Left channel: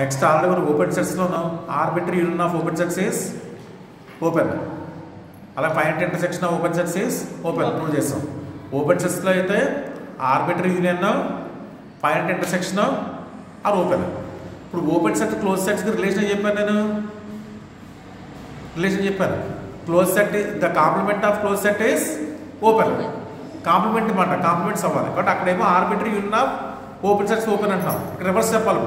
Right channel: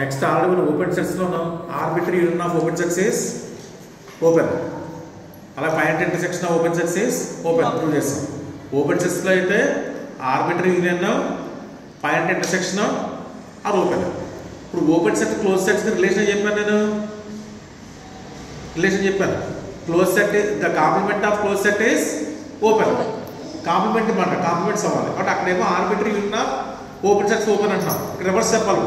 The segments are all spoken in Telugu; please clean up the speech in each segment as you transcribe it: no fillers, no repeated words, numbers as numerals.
నెక్స్ట్ ఆల్రెడీ మనం ఓపెన్ సెట్స్లో ఉన్నాం. Arbitrary union of open sets is open. అలా finite intersection of open sets is open prove చేస్తాం. ఓపెన్ సెట్స్లో అయితే arbitrary union finite intersection are open. ఇప్పుడు ఓపెన్ సెట్ క్లోజ్ సెట్స్కి రిలేషన్ చెప్పాను నేను. రిలేషన్ చెప్పాను. Close set the complement of close set is open. Complement మాట కాంప్లిమెంట్స్ అవ్వాలి కాబట్టి అక్కడేమో arbitrary union of open sets open అంటున్నాం. ఇక్కడ రివర్స్ చెప్పాలి.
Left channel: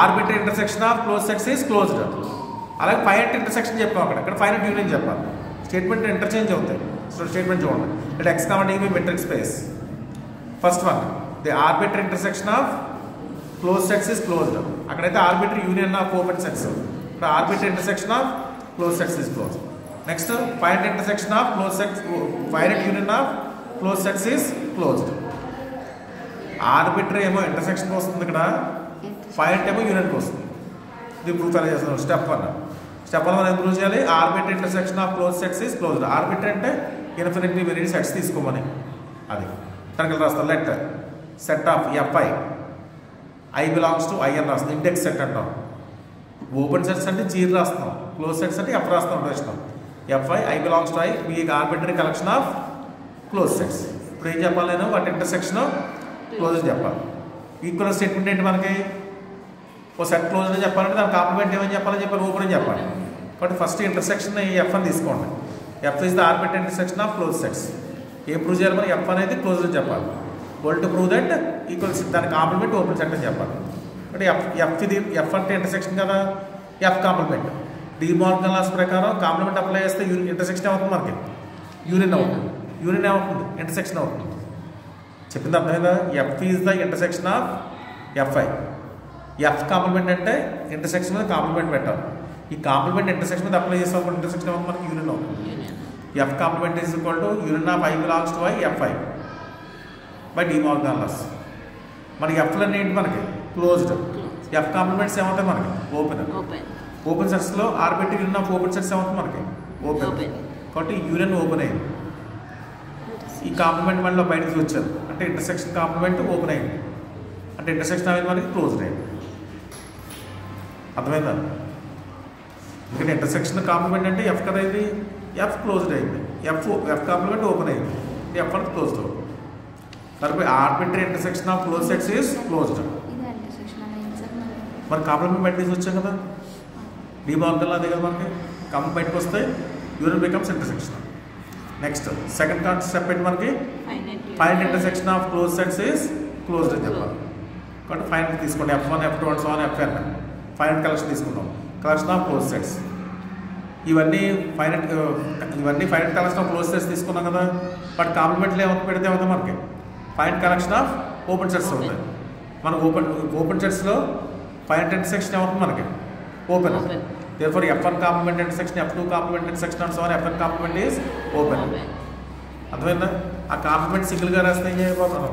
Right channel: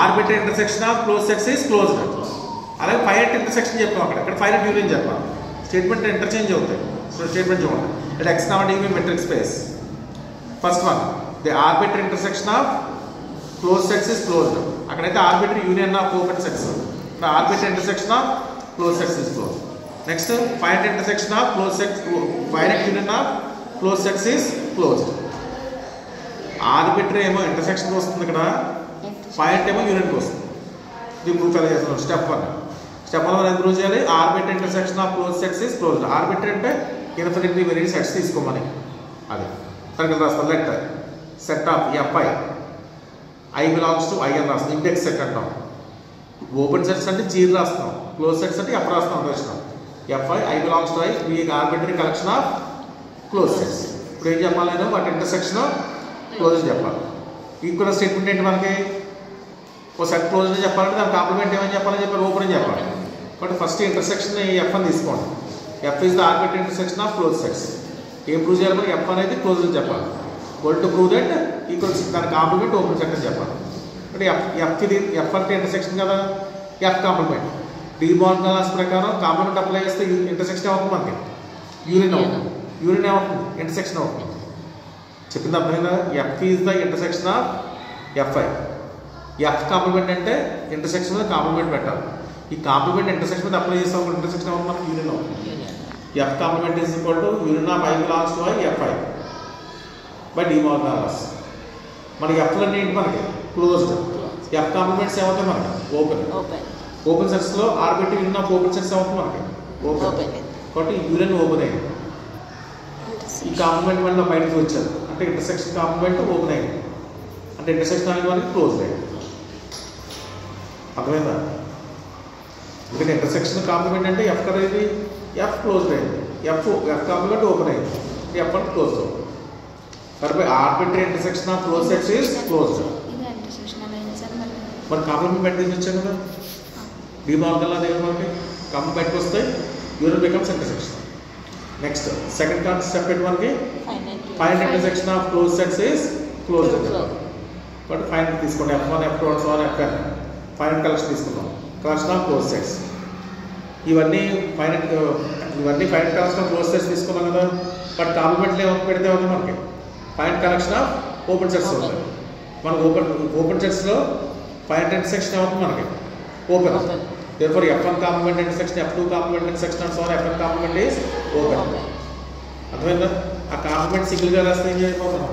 Arbitrary intersection of close sets is closed. అలాగే ఫైనైట్ ఇంటర్సెక్షన్ చెప్పాం. అక్కడ ఫైనైట్ యూనియన్ చెప్పాలి. స్టేట్మెంట్ ఇంటర్చేంజ్ అవుతాయి. సో స్టేట్మెంట్ చూడండి. It X comma D metric space. First one the arbitrary intersection of close sets is closed. అక్కడైతే arbitrary union of open sets. ఇక్కడ arbitrary intersection of close sets is closed. Next finite intersection of close sets finite union of close sets is closed. Arbitrary ఏమో ఇంటర్సెక్షన్కి వస్తుంది, ఇక్కడ ఫైనైట్ ఏమో యూనియన్కి వస్తుంది. ఇది ప్రూఫ్ ఎలా చేస్తున్నాం. స్టెప్ 1 మనం ఇంప్రూవ్ చేయాలి. Arbitrary intersection of close sets is closed. Arbitrary అంటే ఇన్ఫినిటీ వెరీ సెట్స్ తీసుకోమని. అది తనకి రాస్తాం. Let set of F I I belongs to I అని రాస్తాం. ఇండెక్స్ సెట్ అంటాం. ఓపెన్ సెట్స్ అంటే జీరో రాస్తాం. క్లోజ్ సెట్స్ అంటే ఎఫ్ రాస్తాం. రాసినాం F I I belongs to I మీ arbitrary collection of close sets. ఇప్పుడు ఏం చెప్పాలి నేను? వాటి ఇంటర్సెక్షన్ క్లోజ్ చెప్పాలి. ఈక్వల్ స్టేట్మెంట్ ఏంటి మనకి? ఒక సెట్ క్లోజ్ అని చెప్పాలంటే దాని కాంప్లిమెంట్ ఏమని చెప్పాలని చెప్పాలి? ఓపెన్ అని చెప్పాలి. కాబట్టి ఫస్ట్ ఇంటర్సెక్షన్ ఎఫ్ అని తీసుకోండి. F is the arbitrary intersection of close sets. ఏం ప్రూవ్ చేయాలి మనకి? ఎఫ్ అనేది క్లోజ్ అని చెప్పాలి. Goal to prove that equals దాని కాంప్లిమెంట్ ఓపెన్ సెట్ అని చెప్పాలి. అంటే ఎఫ్ అంటే ఇంటర్సెక్షన్ కదా, ఎఫ్ కాంప్లిమెంట్. డిమోర్గన్ లాస్ ప్రకారం కాంప్లిమెంట్ అప్లై చేస్తే ఇంటర్సెక్షన్ అవుతుంది మనకి. యూనియన్ అవుతుంది. యూనియన్ ఏమవుతుంది? ఇంటర్సెక్షన్ అవుతుంది. చెప్పింది అర్థమైందా? F is the intersection of F I. F complement అంటే ఇంటర్సెక్షన్ మీద కాంప్లిమెంట్ పెట్టాలి. ఈ కాంప్లిమెంట్ ఇంటర్సెక్షన్ మీద అప్లై చేస్తే ఇంటర్సెక్షన్ అవుతుంది మనకి. యూనియన్ అవుతుంది. F complement is equal to union of I belongs to I F I by De Morgan laws. మరి ఎఫ్లు అన్నీ ఏంటి మనకి? క్లోజ్డ్. ఎఫ్ కాంప్లిమెంట్స్ ఏమవుతాయి మనకి? ఓపెన్. ఓపెన్ సెట్స్లో arbitrary union of open sets ఏమవుతుంది మనకి? ఓపెన్. కాబట్టి యూనియన్ ఓపెన్ అయింది. ఈ కాంప్లిమెంట్ మళ్ళీ బయటకు వచ్చారు అంటే ఇంటర్సెక్షన్ కాంప్లిమెంట్ ఓపెన్ అయింది. అంటే ఇంటర్సెక్షన్ అనేది మనకి క్లోజ్డ్ అయింది. అర్థమైందా? ఇక్కడ ఇంటర్సెక్షన్ కాంప్లిమెంట్ అంటే ఎఫ్ కదా, ఇది ఎఫ్ క్లోజ్డ్ అయింది. ఎఫ్ కాంప్లిమెంట్ ఓపెన్ అయింది. ఎఫ్ అని క్లోజ్డ్ అవుతుంది. మరి arbitrary intersection of close sets is closed. మరి కాంప్లిమెంట్ బయటకు వచ్చాయి కదా, డిమోర్గన్ లా దగ్గర మనకి కాంప్లిమెంట్ బయటకు వస్తే union becomes intersection. Next second step ఏంటి మనకి? Finite intersection of close sets is closed అని చెప్పాలి. కాబట్టి ఫైనైట్ తీసుకోండి. F1 F2 Fn finite collection తీసుకుందాం. Collection of close sets. ఇవన్నీ finite collection of close sets తీసుకున్నాం కదా. బట్ కాంప్లిమెంట్లు ఏమో పెడితే అవుతుంది మనకి finite collection of open sets ఉంటాయి. మనకు ఓపెన్ సెట్స్లో ఫైనైట్ ఇంటర్సెక్షన్ ఏమవుతుంది మనకి? Open. therefore F1 complement intersection F2 complement intersection and so on Fn complement is open. అర్థమైందా? ఆ కాంప్లిమెంట్ సింగిల్గా రాస్తే ఏం చేయబోతున్నాం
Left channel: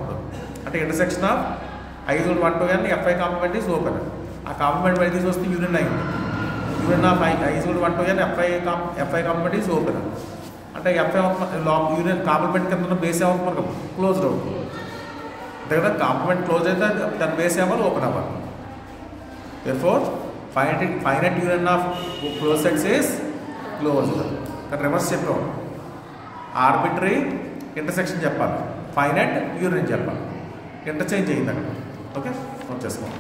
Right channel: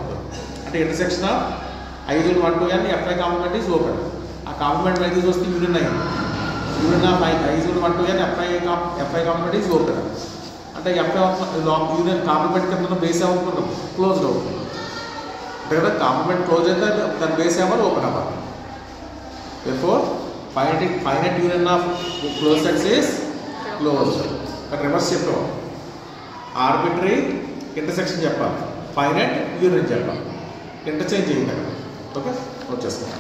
అంటే ఇంటర్సెక్షన్ ఆఫ్ ఐదులు 1 to n FI complement is open. ఆ కాంప్లిమెంట్ బయట చూస్తే యూనియన్ అయింది. యూనియన్ ఆఫ్ ఐదులు 1 to n FI complement is open. అంటే FI యూనియన్ కాంప్లిమెంట్ కింద బేస్ అవుతుంది క్లోజ్డ్ అవుతుంది. అంటే కదా కాంప్లిమెంట్ క్లోజ్ అయితే దాని బేస్ అవ్వాలి ఓపెన్ అవ్వాలి. therefore finite union of close sets is closed. ఇక్కడ రివర్స్ చెప్పాం. ఆర్బిటరీ ఇంటర్సెక్షన్ చెప్పాలి, ఫైనైట్ యూనియన్ చెప్పాలి. ఇంటర్చేంజ్ చేయండి అక్కడ. ఓకే, వచ్చేసుకోండి.